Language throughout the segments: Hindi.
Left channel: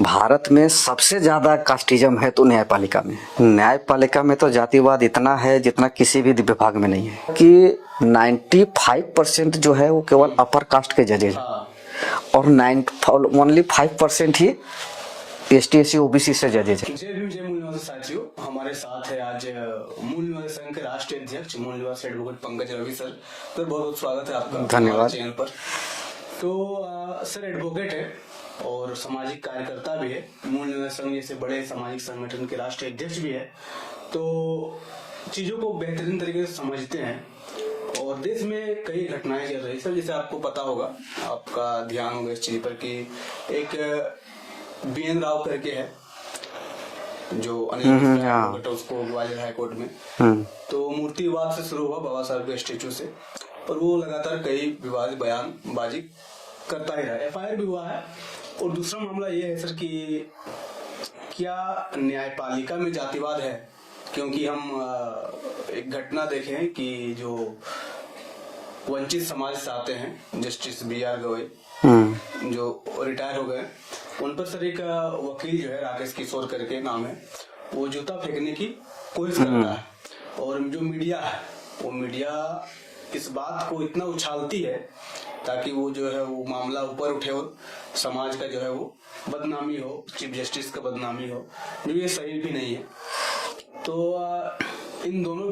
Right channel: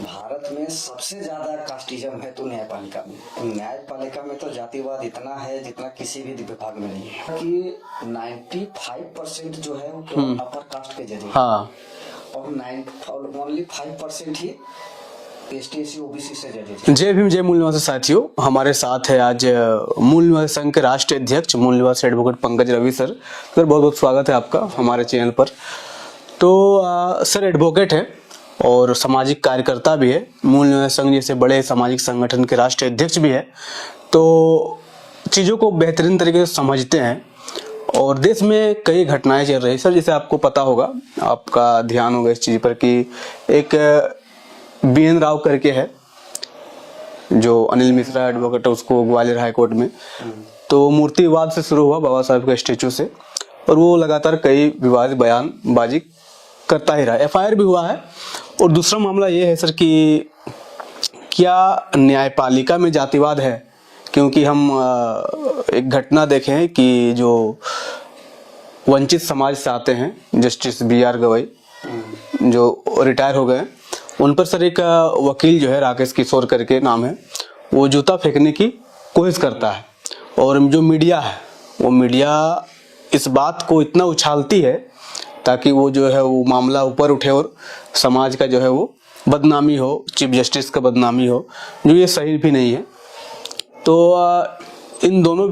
भारत में सबसे ज्यादा कास्टिज्म है तो न्यायपालिका में तो जातिवाद इतना है जितना किसी भी विभाग में नहीं है कि 95% जो है वो केवल अपर कास्ट के जजेज और ओनली 5% ही ST SC OBC से जजेज है। जय भीम जय मूल निवासी साथियों, हमारे साथ है आज मूल निवासी संघ के राष्ट्रीय अध्यक्ष मूल निवासी एडवोकेट पंकज रवि सर। बहुत बहुत स्वागत है आपका हमारे चैनल पर। तो सर एडवोकेट है और सामाजिक कार्यकर्ता भी है, मूल निवासी संघ जैसे बड़े सामाजिक संगठन के राष्ट्रीय अध्यक्ष भी है, तो चीज़ों को बेहतरीन तरीके से समझते हैं और देश में कई घटनाएं चल रही है। सर जैसे आपको पता होगा, आपका ध्यान होगा इस चीज़ पर कि एक BN राव करके है जो अनिल मिश्रा एडवोकेट है, उसको ग्वालियर हाई कोर्ट में तो मूर्ति विवाद से शुरू हुआ बाबा साहब के स्टेचू से, और वो लगातार कई विवादित बयानबाजी करता ही रहा। FIR भी हुआ है। और दूसरा मामला ये है सर कि क्या न्यायपालिका में जातिवाद है, क्योंकि हम एक घटना देखे हैं कि जो वंचित समाज से आते हैं जस्टिस BR गवई जो रिटायर हो गए, उन पर सर एक वकील जो है राकेश किशोर करके नाम है, वो जूता फेंकने की कोशिश करता है और जो मीडिया है वो मीडिया इस बात को इतना उछालती है ताकि वो जो है वो मामला ऊपर उठे और समाज का जो है वो बदनामी हो, चीफ जस्टिस का बदनामी हो, जो ये सही भी नहीं है। तो इन दोनों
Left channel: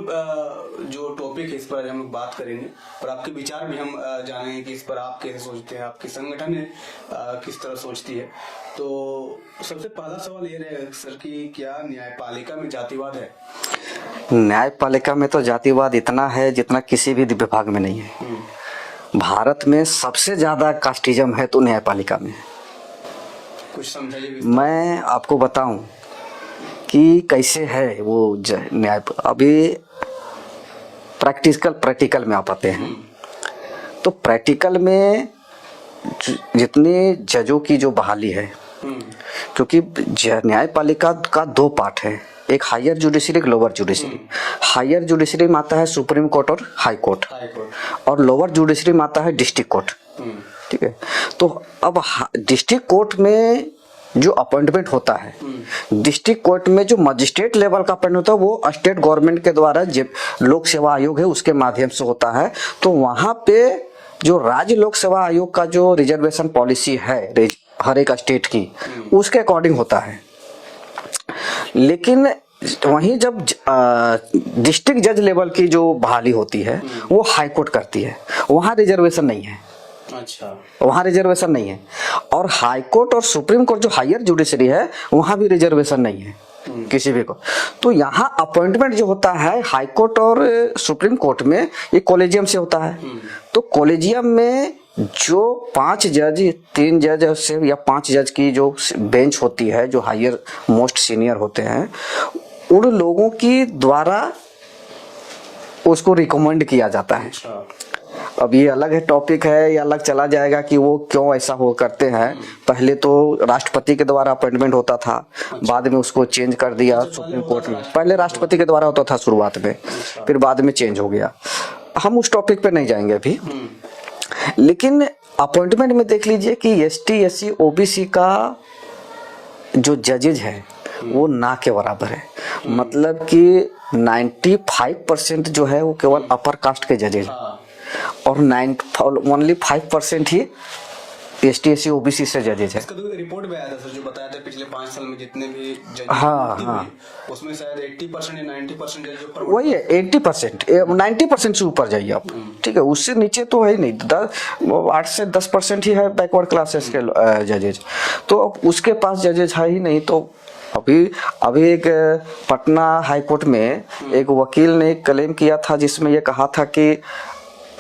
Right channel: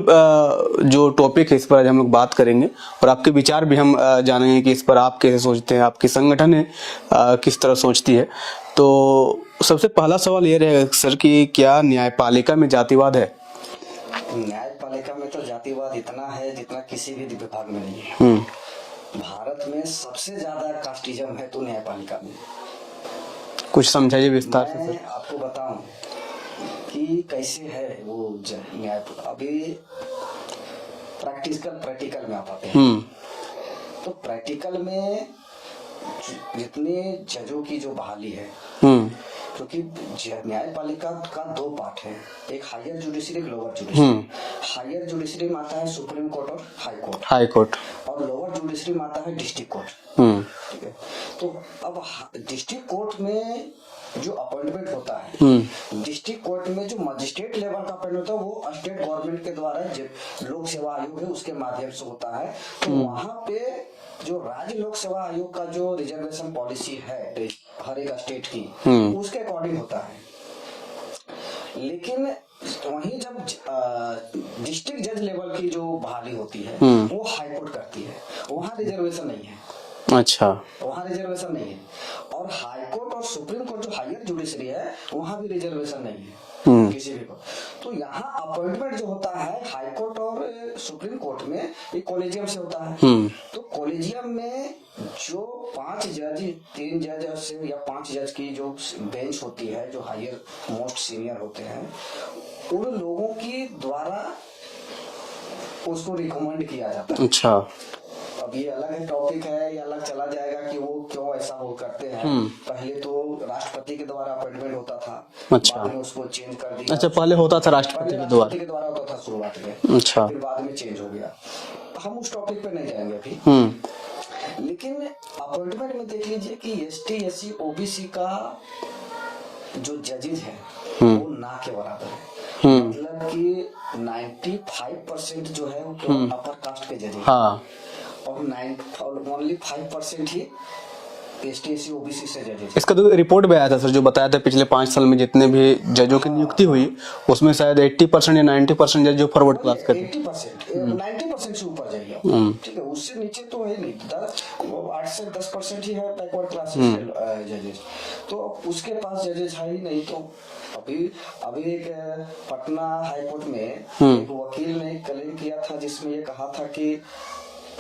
जो टॉपिक है इस पर आज हम लोग बात करेंगे और आपके विचार भी हम जानेंगे कि इस पर आप कैसे सोचते हैं, आपकी संगठन है किस तरह सोचती है। तो सबसे पहला सवाल ये रहेगा सर कि क्या न्यायपालिका में जातिवाद है? न्यायपालिका में तो जातिवाद इतना है जितना किसी भी विभाग में नहीं है। भारत में सबसे ज्यादा कास्टिज्म है तो न्यायपालिका में। कुछ समझाइए विस्तार से। मैं आपको बताऊं कि कैसे है वो न्याय। अभी प्रैक्टिकल में आप आते हैं तो प्रैक्टिकल में जितनी जजों की जो बहाली है, क्योंकि न्यायपालिका का दो पार्ट है, एक हायर जुडिशरी, एक लोअर जुडिशरी। हायर जुडिशरी में आता है सुप्रीम कोर्ट और हाई कोर्ट और लोअर जुडिशरी में आता है डिस्ट्रिक्ट कोर्ट। ठीक है, तो अब डिस्ट्रिक्ट कोर्ट में जो अपॉइंटमेंट होता है, डिस्ट्रिक्ट कोर्ट में जो मजिस्ट्रेट लेवल का अपॉइंटमेंट होता है वो स्टेट गवर्नमेंट के द्वारा लोक सेवा आयोग है उसके माध्यम से होता है। तो वहां पे जो राज्य लोक सेवा आयोग का जो रिजर्वेशन पॉलिसी है हर एक स्टेट की, उसके अकॉर्डिंग होता है। लेकिन वहीं जब डिस्ट्रिक्ट जज लेवल की जो बहाली होती है वो हाई कोर्ट करती है, वहां रिजर्वेशन नहीं है। अच्छा, वहां रिजर्वेशन नहीं है। और हाई कोर्ट और सुप्रीम कोर्ट जो हायर जुडिशरी है वहां भी रिजर्वेशन नहीं है किसी भी को। तो यहाँ अपॉइंटमेंट जो होता है हाई कोर्ट और सुप्रीम कोर्ट में ये कॉलेजियम से होता है। तो कॉलेजियम में जो 5 जज, 3 जज से या 5 जज की जो बेंच होती है, जो हायर मोस्ट सीनियर होते हैं, उन लोगों की द्वारा उसको रिकमेंड किया जाता है। अच्छा, अब ये अलग है, टॉपिक है, ये अलग चला जाएगा कि वो क्यों ऐसा हो करते हैं। पहले तो राष्ट्रपति के द्वारा अपॉइंटमेंट होता था। अच्छा। बाद में उसको चेंज कर दिया। अच्छा, पहले होता था पहले राष्ट्रपति के द्वारा होता था शुरुआत में। अच्छा। फिर बाद में चेंज हो गया। हम उस टॉपिक पे नहीं जाएंगे अभी। लेकिन अपॉइंटमेंट में देख लीजिए कि ST SC OBC का जो जजेज है वो ना के बराबर है। मतलब कि 95% जो है वो केवल अपर कास्ट के जजेज और ओनली 5% ही ST SC OBC से जजेज है। इसका तो रिपोर्ट भी आया था सर, जो बताया था पिछले 5 साल में जितने भी जजों की नियुक्ति हुई उसमें शायद 80% या 90% जज जो फॉरवर्ड क्लास के 80%, 90% से ऊपर जाइए आप। ठीक है, उससे नीचे तो है ही नहीं। 8 से 10% ही है बैकवर्ड क्लासेस के जजेज। तो उसके पास जजेज है ही नहीं। तो अभी एक पटना हाई कोर्ट में एक वकील ने क्लेम किया था जिसमें ये कहा था कि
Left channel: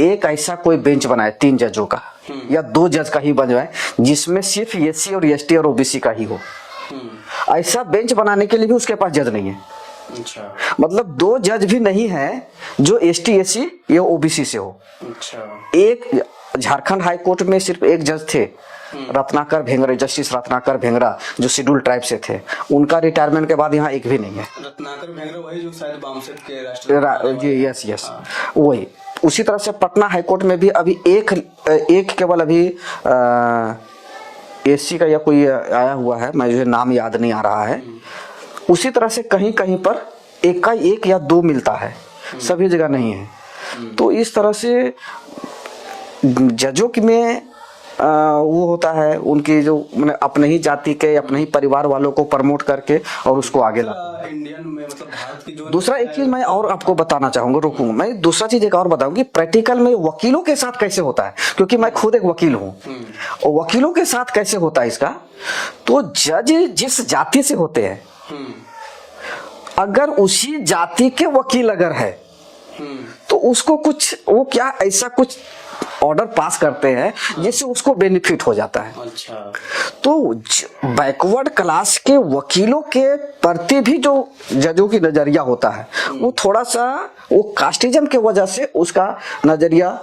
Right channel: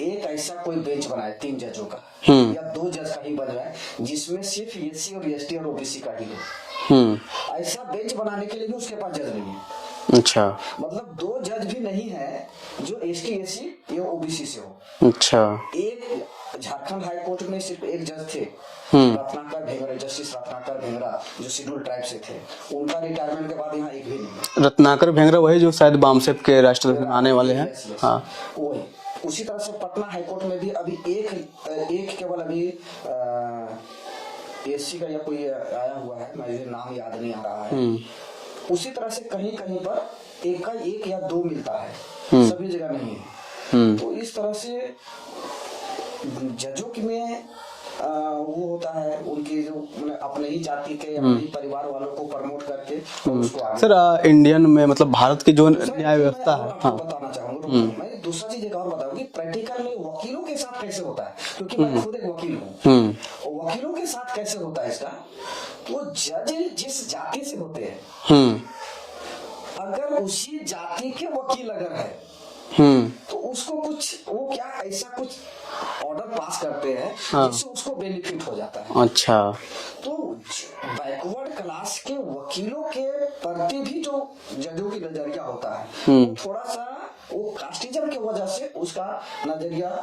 एक ऐसा कोई बेंच बनाए 3 जजों का या 2 जज का ही बनवाए जिसमें सिर्फ SC और ST और OBC का ही हो। ऐसा बेंच बनाने के लिए भी उसके पास जज नहीं है। अच्छा, मतलब 2 जज भी नहीं है जो ST SC या OBC से हो। अच्छा, एक झारखंड हाई कोर्ट में सिर्फ एक जज थे, रत्नाकर भेंगरा, जस्टिस रत्नाकर भेंगरा, जो शेड्यूल ट्राइब से थे। उनका रिटायरमेंट के बाद यहाँ एक भी नहीं है। रत्नाकर भेंगरा वही जो शायद बामसेफ के राष्ट्रपति बनाने वाले हैं। यस, वही। उसी तरह से पटना हाईकोर्ट में भी अभी एक केवल अभी एससी का या कोई आया हुआ है, मुझे नाम याद नहीं आ रहा है, उसी तरह से कहीं कहीं पर एक का एक या दो मिलता है, सभी जगह नहीं है। तो इस तरह से जजों में वो होता है, उनकी जो अपने ही जाति के अपने ही परिवार वालों को प्रमोट करके और उसको आगे। सर इंडियन में मतलब भारत के जो दूसरा एक चीज मैं और आपको बताना चाहूंगा, रुकूं मैं दूसरा चीज एक और बताऊं कि प्रैक्टिकल में वकीलों के साथ कैसे होता है, क्योंकि मैं खुद एक वकील हूं, और वकीलों के साथ कैसे होता है इसका। तो जज जिस जाति से होते हैं, अगर उसी जाति के वकील अगर है, तो उसको कुछ वो क्या ऐसा कुछ ऑर्डर पास करते हैं जिससे उसको बेनिफिट हो जाता है। अच्छा, तो बैकवर्ड क्लास के वकीलों के प्रति भी जो जजों की नजरिया होता है, वो थोड़ा सा वो कास्टिज्म के वजह से उसका नजरिया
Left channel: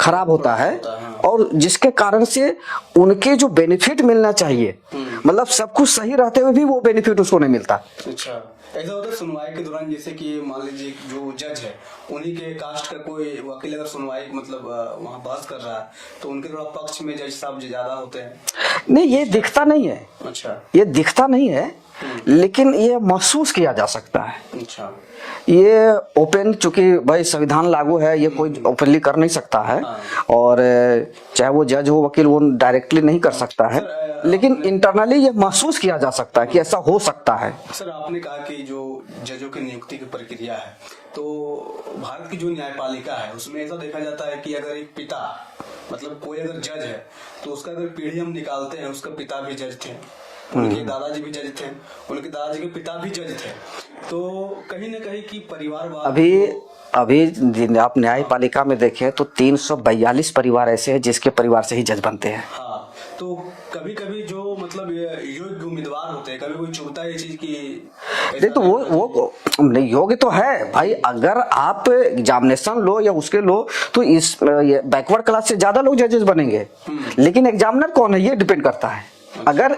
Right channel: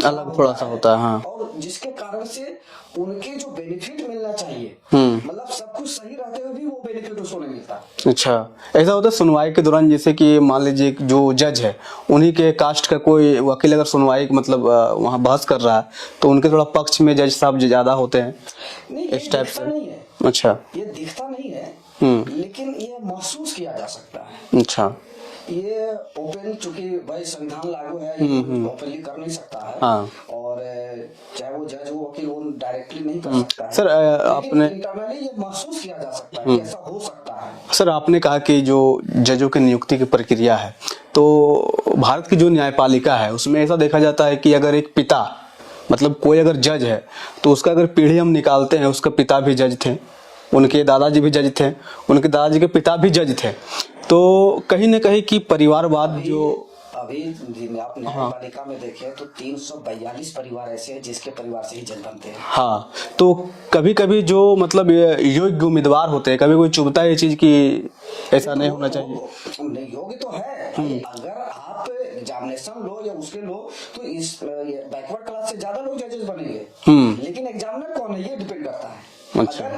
खराब होता है, हाँ। और जिसके कारण से उनके जो बेनिफिट मिलना चाहिए, मतलब सब कुछ सही रहते हुए भी वो बेनिफिट उसको नहीं मिलता। अच्छा, ऐसा होता है सुनवाई के दौरान, जैसे कि मान लीजिए जो जज है उन्हीं के कास्ट का कोई वकील अगर सुनवाई मतलब वहाँ बहस कर रहा है, तो उनके थोड़ा पक्ष में जज साहब ज्यादा होते हैं? नहीं, ये दिखता नहीं है। अच्छा, ये दिखता नहीं है, लेकिन ये महसूस किया जा सकता है। अच्छा, ये ओपन, चूंकि भाई संविधान लागू है, ये कोई ओपनली कर नहीं सकता है। हाँ। और चाहे वो जज हो वकील, वो डायरेक्टली नहीं कर सकता है। सर, लेकिन इंटरनली ये महसूस किया जा सकता है कि ऐसा हो सकता है। सर आपने कहा कि जो जजों की नियुक्ति की प्रक्रिया है, तो भारत की जो न्यायपालिका है उसमें ऐसा देखा जाता है कि अगर एक पिता मतलब कोई अगर जज है, तो उसका अगर पीढ़ी हम निकालते हैं, उसका पिता भी जज थे, उनके दादाजी भी जज थे, उनके दादाजी के पिता भी जज थे, तो कहीं ना कहीं की परिवारवाद अभी आप न्यायपालिका में देखें तो 342 परिवार ऐसे हैं जिसके परिवार से ही जज बनते हैं। हाँ, तो कभी कभी जो मतलब योग्य उम्मीदवार होते हैं, कभी कोई चुभता है ये चीज की ऐसा तो वो नहीं, योग्य तो है भाई। अगर आप एग्जामिनेशन लो या उसके लो, तो इस बैकवर्ड क्लास से ज्यादा लोग जजेस बनेंगे, लेकिन एग्जामिनर कौन है ये डिपेंड करता है। अच्छा।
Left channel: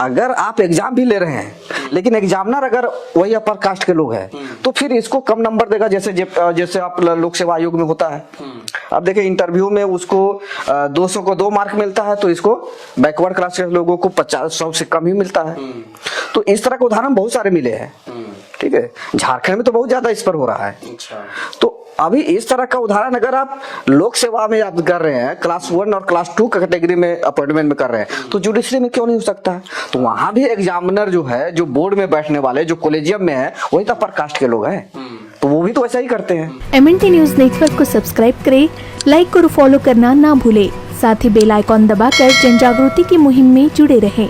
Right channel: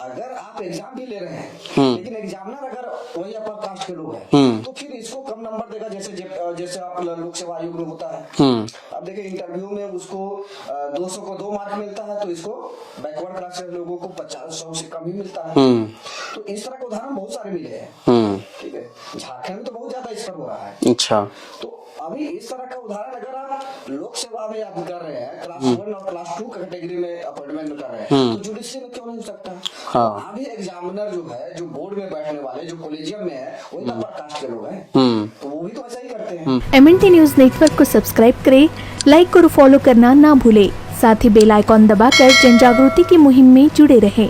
अगर आप एग्जाम भी ले रहे हैं, लेकिन एग्जामिनर अगर वही अपर कास्ट के लोग हैं, तो फिर इसको कम नंबर देगा, जैसे आप लोक सेवा आयोग में होता है। अब देखिए इंटरव्यू में उसको 200 को 2 मार्क मिलता है, तो इसको बैकवर्ड क्लास के लोगों को 50-100 से कम ही मिलता है। तो इस तरह के उदाहरण बहुत सारे मिले हैं। ठीक है, झारखंड में तो बहुत ज्यादा इस पर हो रहा है। अच्छा, तो अभी इस तरह का उदाहरण अगर आप लोक सेवा में आप कर रहे हैं, क्लास 1 और क्लास 2 कैटेगरी में अपॉइंटमेंट में कर रहे हैं, तो जुडिशरी में क्यों नहीं हो सकता? तो वहां भी एग्जामिनर जो है, जो बोर्ड में बैठने वाले, जो कॉलेजियम में है, वही तो अपर कास्ट के लोग हैं, तो वो भी तो ऐसा ही करते हैं। MNT न्यूज नेटवर्क को सब्सक्राइब करें, लाइक और फॉलो करना ना भूले, साथ ही बेल आइकॉन दबाकर जन जागृति की मुहिम में जुड़े रहें।